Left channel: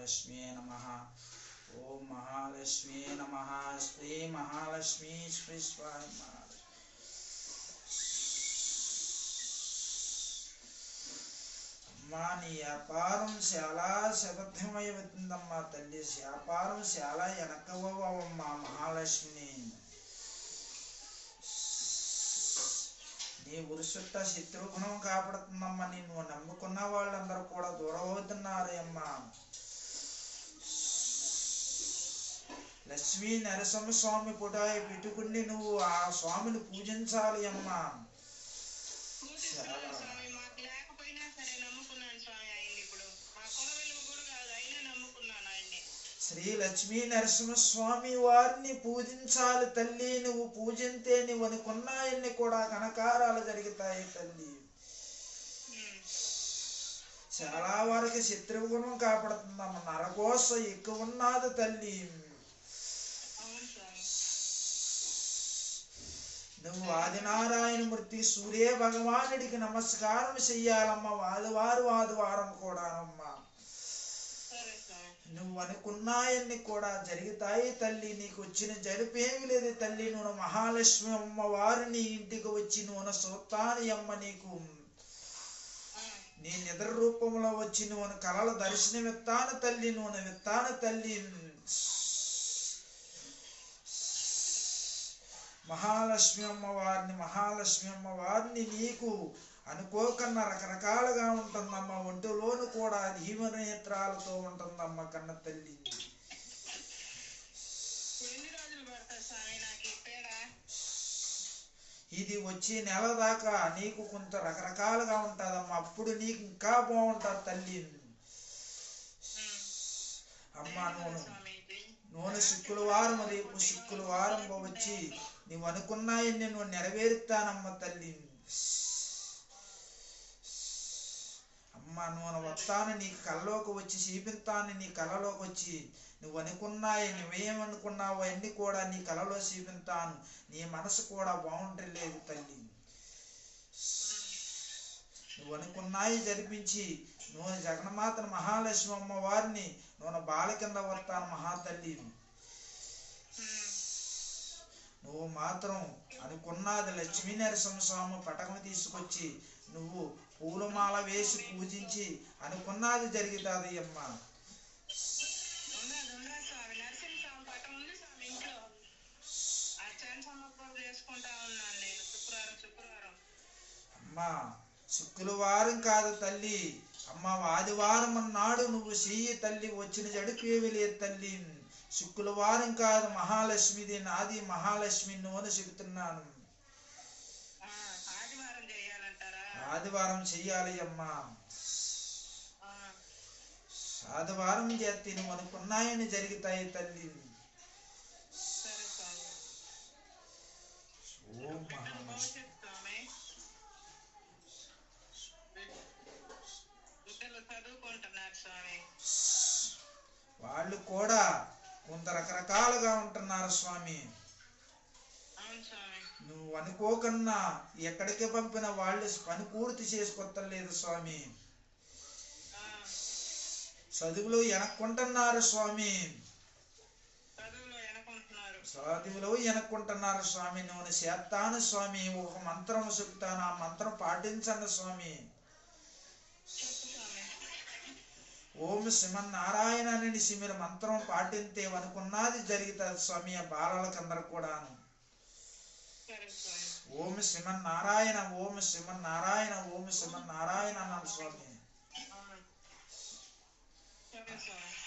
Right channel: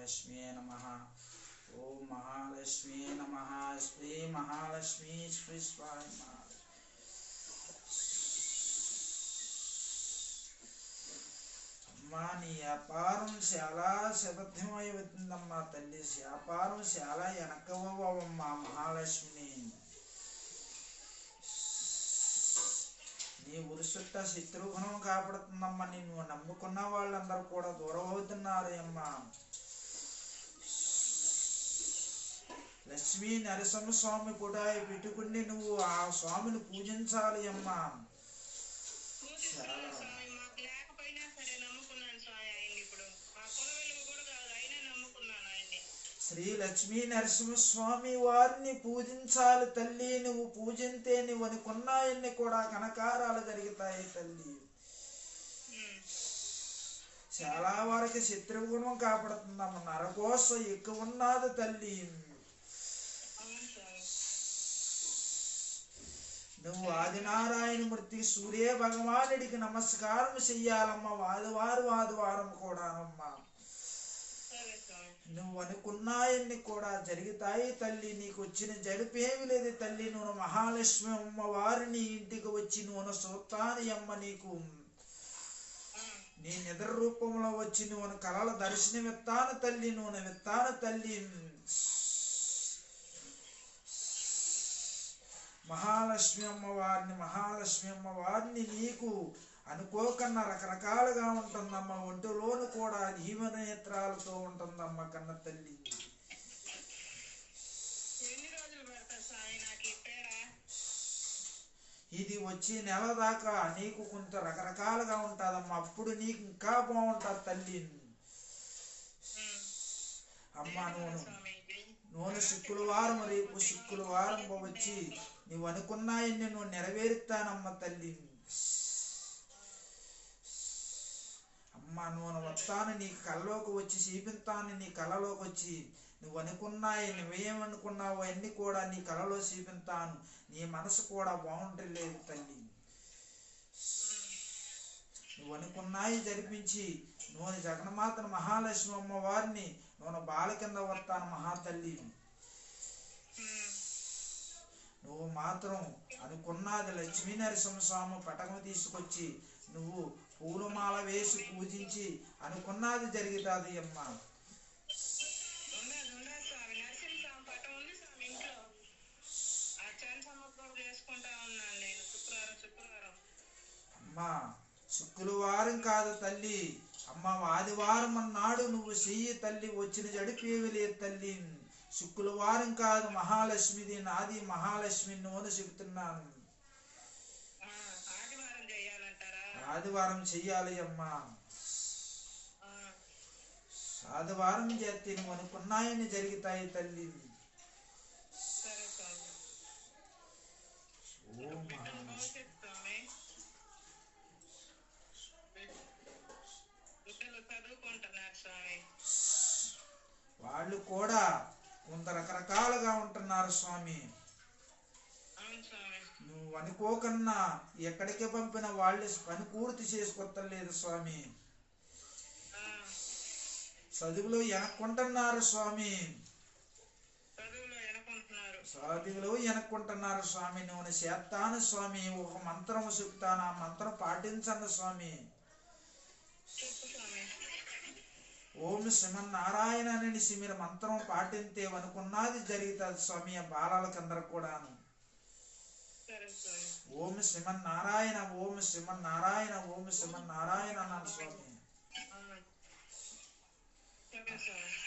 మహాలక్ష్మీ నమ. ఓం మహాలక్ష్మీ నమ. శ్రీ మహాలక్ష్మీ శ్రీ స్వామి మహాలక్ష్మి. అమ్మా నీ వ్యాపారం చాలా శబద్ధమై తల్లి. వ్యాపారం చాలా వెనకవమ్మా మహాలక్ష్మిని. నీ ఉరుసుట్ట శత్రుఘ్నం కాపాడుతుందమ్మా. నిన్ను నమ్ముకున్న వాళ్ళందరూ కూడా దూరం అవుతున్నారే అమ్మా లక్ష్మీ నరసింహ స్వామి పుటాయి పెట్టుకుని నువ్వు ఆ స్వామిని పూజించాలి అమ్మా. కూడా శ్రీ లక్ష్మీ నరసింహ స్వామి వారిని పూజించాలి తల్లి. నువ్వు పూజింతే నువ్వు అనుకున్నాయన్ని కూడా కనకారాలు జరుగుతాయి తల్లి. చాలా వరకు శత్రుగుణం కాపాడుతుందమ్మ. నరకోస ఎక్కువ ఉన్నది తల్లి అవును స్వామి నువ్వు ఆదినారాయణమూర్తి సూర్య భగవానుడికి నమస్కారం చెయ్యాలమ్మా. వాదివారు వాదివారం కూడానమ్మా. నువ్వు అనుకున్నాయన్ని కూడా జరుగుతాయి తల్లి. నీకు వచ్చిన జరిపేమి లేదు తల్లి. నువ్వు మహాలక్ష్మి అమ్మవారిని ఇంటికి వచ్చి నువ్వు సూత్తాని అమ్మ నీకు. నీ నిద్ర రూపంలో వచ్చి నువ్వు కళల దర్శనం ఇస్తాను తల్లి. నువ్వు విత్తాను తల్లి. మహాలక్ష్మి అమ్మ వారిని మహాలక్ష్మి అమ్మ వారిని నీకు అనుకోకన్నా రకరకాలుగా ఉంటుందమ్మ. ఒంటిలోను కూడా హీమనేత్రాలతో ఉంటుందమ్మ కన్న తల్లి ఇది వచ్చే నెల దాకా నీకు కొంత రకరకాలుగా ఉంటుందమ్మా. అప్పుడు నీకు ఇంకా బాగుంటుంది తల్లి. అమ్మ నూనె. నూనె శుక్రవారం రేపు శుక్రవారం వచ్చి నువ్వు అనుకున్నాయని నువ్వు నెరవేరుతానమ్మ తల్లి. అమ్మ నూనె వస్తాను నీ కళ్ళలోకి వచ్చి చూపిస్తాను నీ కళ్ళలోకి వచ్చి. నువ్వు అనుకున్నాయి నువ్వేమనుకున్నావో అన్నీ కూడా నీ కళలో చూపిస్తాను. నీ మనసు కూడా బాగుంటలేదు తల్లి. నువ్వు అనుకున్నాయి జరిపించి నువ్వు జగన్మాతను మహాలక్ష్మి అమ్మవారిని నూనె నువ్వు బాల కింద వస్తాను మహాతల్లి మాత్రం అనుకున్నది లక్ష్మీ నరసింహ స్వామి పటకం తీసుకొచ్చి నువ్వు పూలమాల వేసి పూజించి అనుకున్నది జరుగుతుంది అమ్మ. అమ్మా శుక్రవారం కాదు తల్లి. అమ్మ ఆదివారం అన్నాడు నువ్వు చెయ్యి తల్లి వచ్చిన జడిపేవి లేదు తల్లి. శుక్రవారం కాదు మహాలక్ష్మిది నాది మహాలక్ష్మి నువ్వు చెబుతున్నాను. ఆదివారం చెయ్యాలి అమ్మా. ఆదివారం చేస్తే నువ్వు అనుకున్నాయని జరుగుతాయి తల్లి. ఓం వాళ్ళు కూడా కొంత రకరకాలుగా ఉంటున్నారు స్వామి. నువ్వు అనుకోకన్నా ఎక్కడికి పంపిన వాళ్ళు పని పూర్తి చేసుకొత్తలేదు స్వామి. చదువులో వెనక్కుంటున్నారు స్వామి. చదువులో వెనక్కుంటున్నారు స్వామి. నువ్వు చేస్తాను స్వామి. ఒక మంత్రం చెప్తాను. ఆ మంత్రం పాటించండి స్వామి. ఓం శ్రీమన్నారాయణ అని మీరు మంత్రం పాటింతే అనుకున్నది జరుగుతుంది స్వామి ఆ బాలలకందరు కూడాను. ఓం శ్రీమన్నారాయణ ఓం శ్రీమన్నారాయణ ఓం శ్రీమన్నారాయణ అన్నాను సరే స్వామి.